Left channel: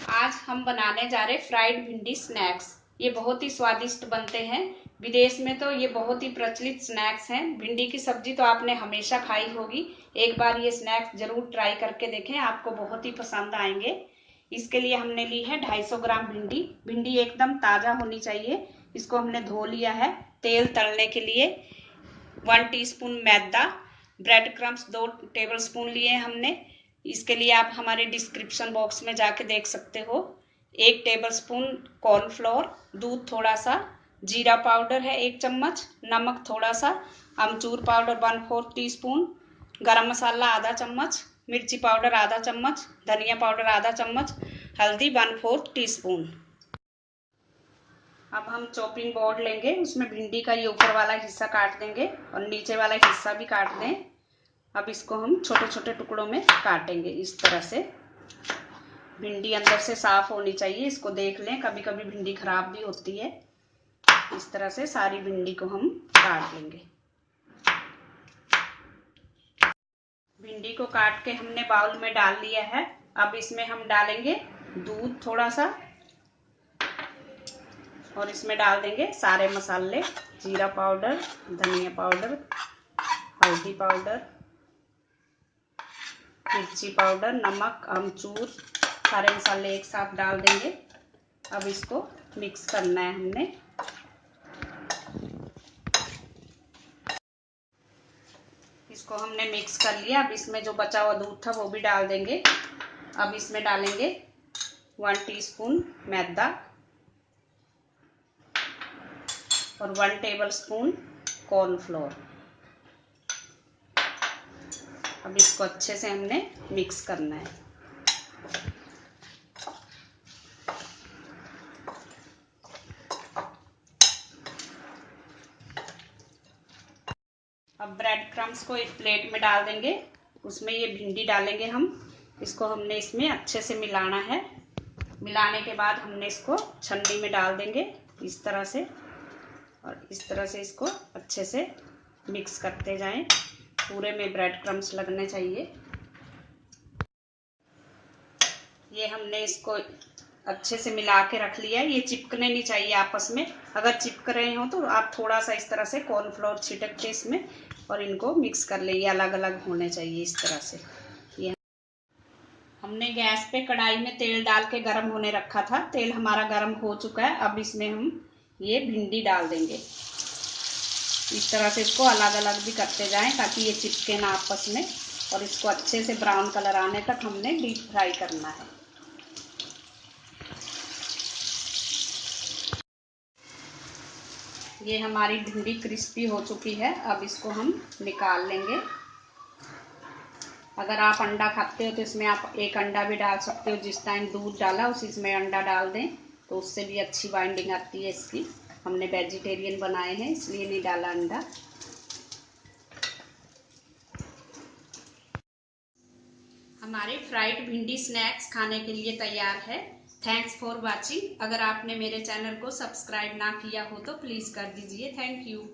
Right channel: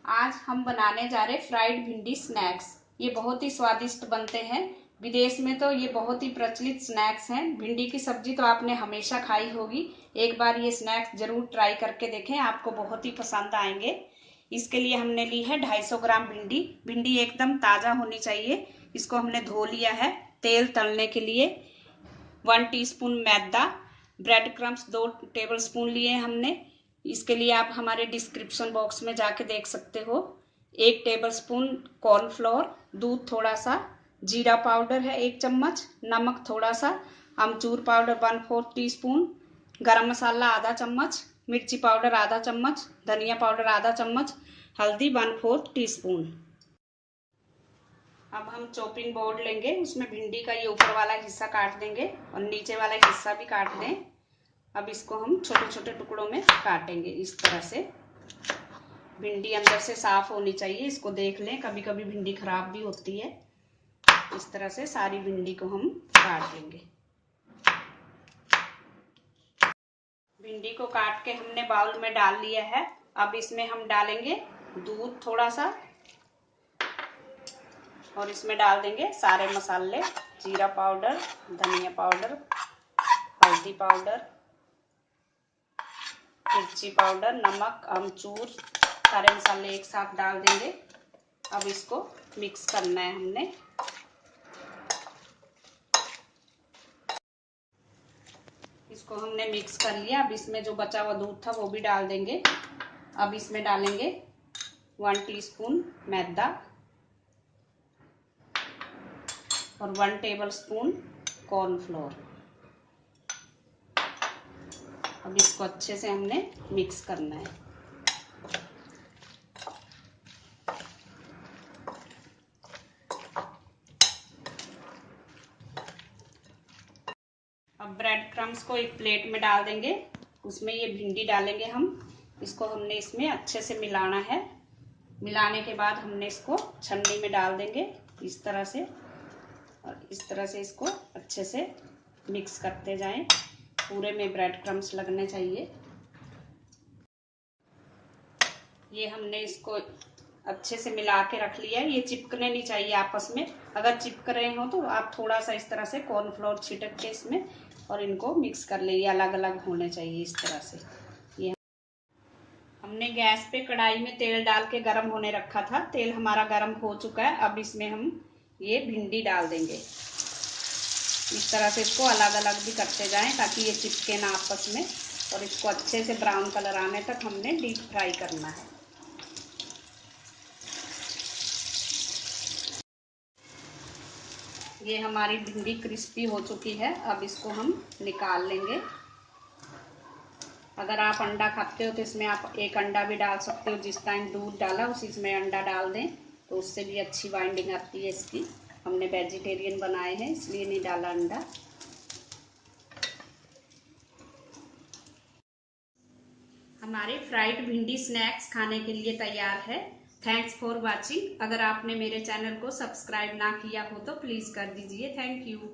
आज हम बनाने जा रहे फ्राइड भिंडी स्नैक्स। ये बहुत ही स्वादिष्ट बनते हैं। विदेश में तो ये बहुत ही प्रचलित स्नैक्स हैं। भिंडी की सब्जी तो आपने हमेशा खाई होगी। एक बार ये स्नैक्स जरूर ट्राई करके देखें, आपको बहुत ही पसंद आएंगे। इसके लिए हमने ली है 250 ग्राम भिंडी। भिंडी एकदम ताजा होनी चाहिए। इसको हमने धो लिया है। तेल तलने के लिए 1 टीस्पून मैदा, ब्रेड क्रम्स 2 टेबल स्पून लिए हमने। इसके लिए आप हमारे डिस्क्रिप्शन बॉक्स में जाके देख सकते हो। 1 टेबल स्पून कॉर्नफ्लोर, दूध थोड़ा सा, जीरा पाउडर है 1 चम्मच, नमक थोड़ा सा, अमचूर पाउडर 1/4 टीस्पून, गरम मसाला आधा चम्मच, मिर्ची पाउडर आधा चम्मच, धनिया पाउडर आधा चम्मच, हल्दी 1/4 टीस्पून। अब हम चॉपिंग बोर्ड लेंगे, उसमें भिंडी का ये ऊपर वाला हिस्सा काट देंगे और नीचे वाला हिस्सा भी काट दें। अब इसको हम छोटे छोटे टुकड़ों में काटेंगे इस तरह से। भिंडी अंदर से साफ होनी चाहिए, इसको देख लें, कभी कभी भिंडी खराब भी होती है। इस तरह से सारी भिंडी को हम काट लेंगे। भिंडी को काट के हमने बाउल में डाल लिया है। अब इसमें हम डालेंगे दूध थोड़ा सा और इसमें डाल देंगे सारे मसाले, जीरा पाउडर, धनिया पाउडर, हल्दी पाउडर, मिर्ची पाउडर, नमक, अमचूर, सारे मसाले एक साथ डाल देंगे। अब इसको मिक्स करना है हमने। इसको हमने मिक्स कर लिया। अब इसमें जो बचा हुआ दूध था वो भी डाल देंगे। अब इसमें डालेंगे 1 टीस्पून मैदा और 1 टेबल स्पून कॉर्नफ्लोर। अब इसको अच्छे से हमने मिक्स करना है। अब ब्रेड क्रम्स को एक प्लेट में डाल देंगे, उसमें ये भिंडी डालेंगे हम। इसको हमने इसमें अच्छे से मिलाना है। मिलाने के बाद हमने इसको छन्नी में डाल देंगे इस तरह से, और इस तरह से इसको अच्छे से मिक्स करते जाएं। पूरे में ब्रेड क्रम्स लगने चाहिए। ये हमने इसको अच्छे से मिला के रख लिया है। ये चिपकने नहीं चाहिए आपस में। अगर चिपक रहे हो तो आप थोड़ा सा इस तरह से कॉर्नफ्लोर छिड़क के इसमें और इनको मिक्स कर ले। ये अलग अलग होने चाहिए इस तरह से। ये हमने गैस पे कढ़ाई में तेल डाल के गर्म होने रखा था। तेल हमारा गर्म हो चुका है। अब इसमें हम ये भिंडी डाल देंगे। इस तरह से इसको अलग अलग भी करते जाएं ताकि ये चिपके ना आपस में। और इसको अच्छे से ब्राउन कलर आने तक हमने डीप फ्राई करना है। ये हमारी भिंडी क्रिस्पी हो चुकी है। अब इसको हम निकाल लेंगे। अगर आप अंडा खाते हो तो इसमें आप 1 अंडा भी डाल सकते हो। जिस टाइम दूध डाला उसी में अंडा डाल दें तो उससे भी अच्छी बाइंडिंग आती है इसकी। हमने वेजिटेरियन बनाए हैं इसलिए नहीं डाला अंडा। हमारे फ्राइड भिंडी स्नैक्स खाने के लिए तैयार है। Thanks for watching. अगर आपने मेरे चैनल को सब्सक्राइब ना किया हो तो प्लीज़ कर दीजिए। Thank you.